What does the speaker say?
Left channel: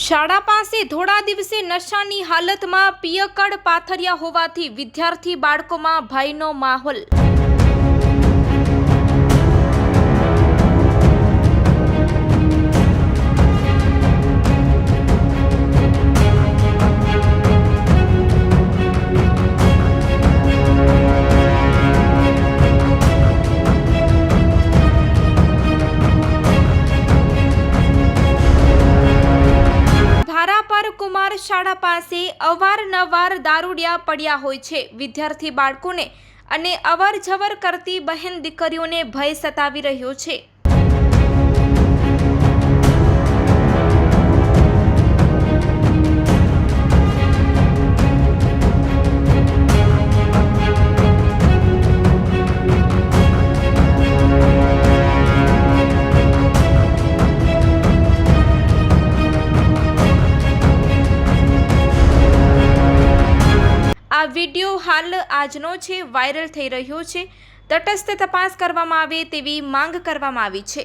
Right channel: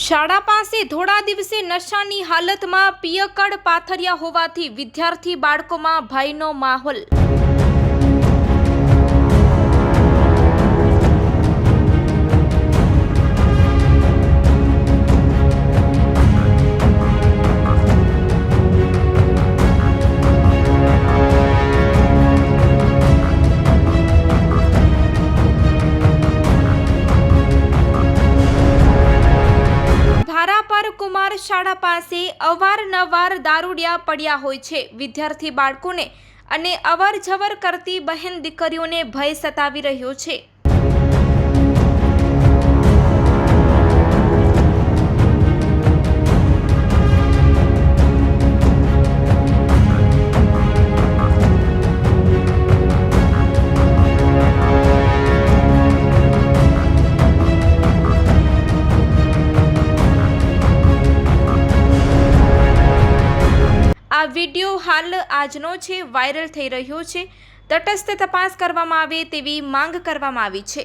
શાળા પાસે થોડા દિવસે નશાની હાલતમાં પિયકડ પાથર્યા હોવાથી વિદ્યાર્થી બાળકોમાં ભયનો માહોલ. ભારાપર શાળા પાસે અવારનવાર દારૂડિયા પડ્યા હોય છે. વિદ્યાર્થી બાળકોને અને અવર જવર કરતી બહેન દીકરીઓને ભય સતાવી રહ્યો છે. આ વીડિયો હાલ આજનો છે, વાયરલ થઈ રહ્યો છે. તટસ્થ તપાસ કરવામાં આવે તેવી માંગ કરવામાં આવી છે.